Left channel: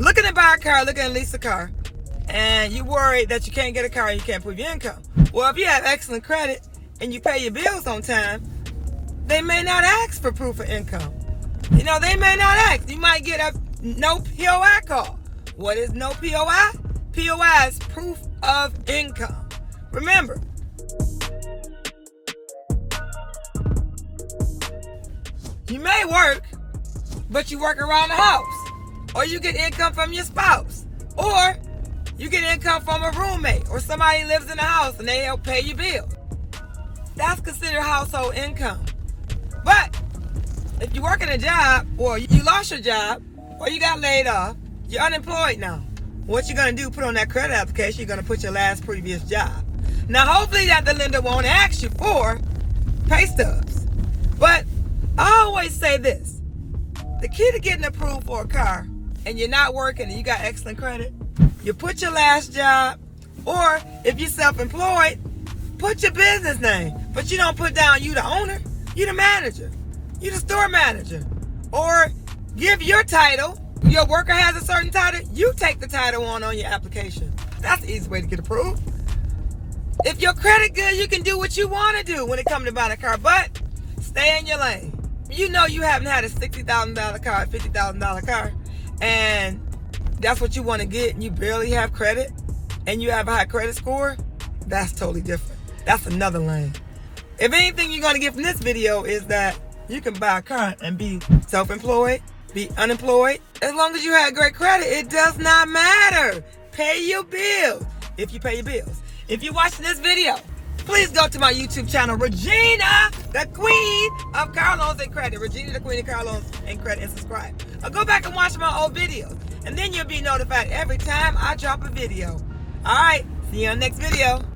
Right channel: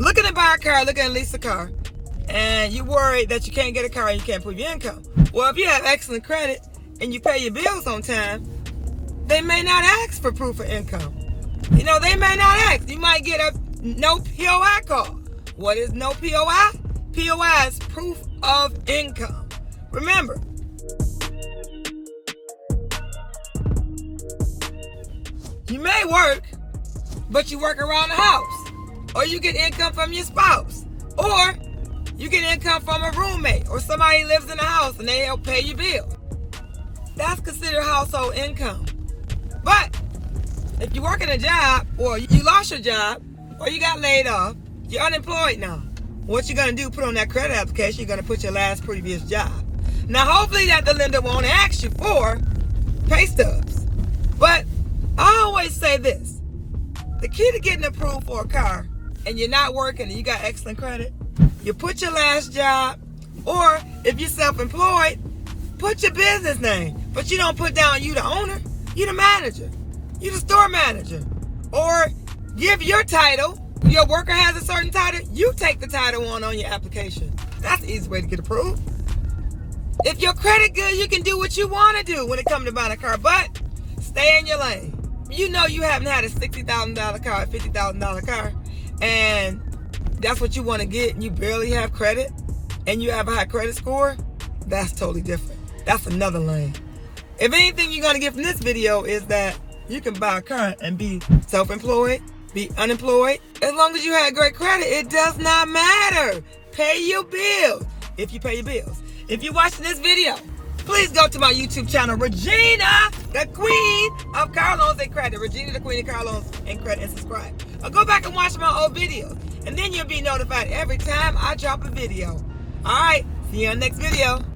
looking to buy a car, looking to lease a car, and you worried that you can't get a car and you can't prove your income. Well, if you have excellent credit and you pay your bills on time, they may not ask for proof of income. You know, they may not ask. You might get a no POI call. What is no POI? POI is proof of income. Remember, you may work, but you work around the house. Or you get income from your spouse. Or you get income from a roommate or somebody lives in the house and they help pay your bills. That's considered household income. But if you work in a job or you lost your job or you got laid off, you're unemployed now. What you're going to do, put on that credit application, you're going to put your last previous job. Now, hopefully that the lender won't ask you for pay stubs. But I always say this. The key to getting approved for a car and you're not working and you got excellent credit, you put your last job, or if you're self-employed, put your business name. But you don't put down you the owner, you the manager, you the store manager. Or give your title. Your worker has a certain title, you take the title on your application. That's the easy way to get approved. If your credit good, you can do what you want to do when it comes to buying a car, but stay in your lane. You know you haven't had a $60,000 car, a $50,000 car, and that's what you want to get, and you barely have credit, and you have a high credit score. That's totally different. That's another lane. If anything you're going to get from this video is that you can buy a car and be self-employed, be unemployed. As long as you had great credit, it does not matter. Pay your bills if you pay your bills. If you're watching this video, please go to my YouTube channel, Regina, the Queen of Car Loans and Credit. Regina, the Queen of Car Loans and Credit, and subscribe. Or go back and watch my old videos, and then you'll be notified every time I drop a video. All right, see you on the next video.